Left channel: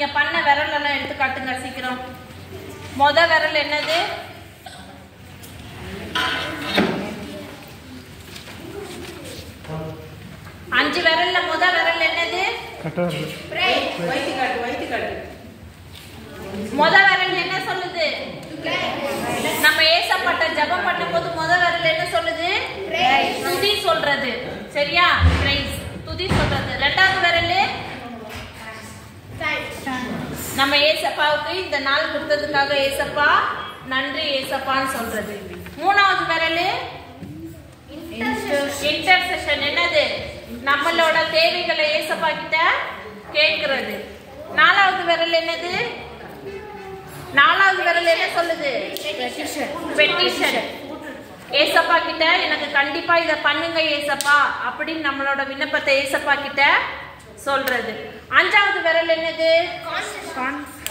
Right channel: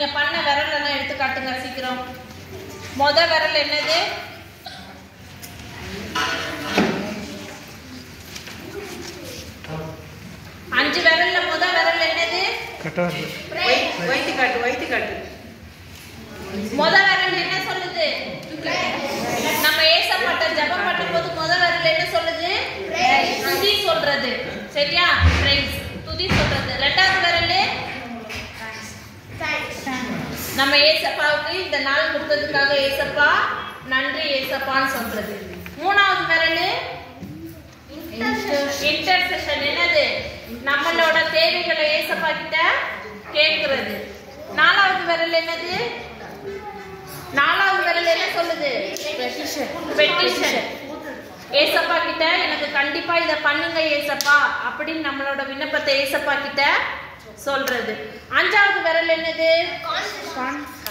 நீங்க பண்ண விரல் எல்லாம் எடுத்து காட்டுங்க சீக்கிரம். முத விரல் என்னது? அஞ்சு விரல்ல முத விரல் என்னது? வைத்து காட்டு. முத விரல் என்ன சொல்லுது? நம்ம ஏசப்பட்ட ஜெபம் பண்ணும்போது முத விரல் என்ன சொல்லுது? துதி சொல்றது. சரியா? பிரைஸ் துதி சொல்றது. இரண்டாவது விரல் நம்ம ஏசப்பாவுக்கு இந்த நாள் கொடுத்ததுக்காக ஏசப்பா நன்றி ஏசப்பான்னு சொல்றது. மூணாவது விரல் இன்டர்செஷன். என்னது? நம்மளோட தேவைகளை ஏசப்பா கிட்ட கேட்கிறது. நாலாவது விரல் என்னது? நாலாவது விரல் என்ன சொல்லுது? பெட்டிஷன். ஏசப்பா கிட்ட எனக்கு கண்டிப்பா இத பண்ணுங்க ஏசப்பா அப்படின்னு நம்மளோட விண்ணப்பத்தை ஏசப்பா கிட்ட சொல்றது. அஞ்சாவது விரல் என்னது?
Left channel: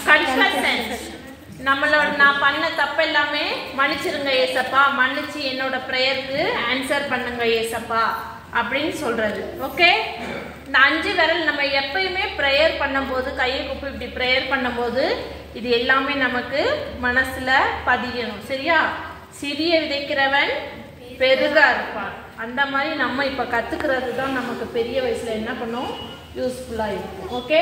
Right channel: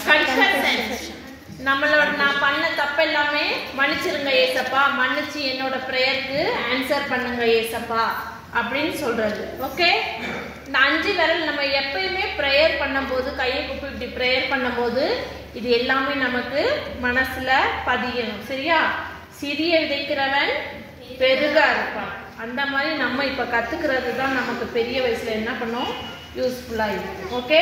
கன்ஃபெஷன். நம்மளோட நான் பண்ண தப்பு எல்லாமே மன்னிச்சிருங்க ஏசப்பா, மன்னிச்சு என்னோட பிரேயருக்கு ஆன்சர் பண்ணுங்க ஏசப்பா அப்படின்னு சொல்றது. ஓகே, இந்த அஞ்சு விரல் நம்ம எப்பயுமே ப்ரேயர் பண்ணும்போது கையை குப்பி இப்படி ப்ரேயர் பண்ணும்போது இது எல்லாமே நமக்கு மனசுல பதியணும். சரியா? சிறிய விதைக்கிறவன் பெருக இருப்பான். அந்த மாதிரி நம்ம இப்ப கத்துக்கிறது தான் நமக்கு பெரிய வயசுல என்ன பண்ணும் யூஸ்ஃபுல்லா இருக்கும். ஓகே.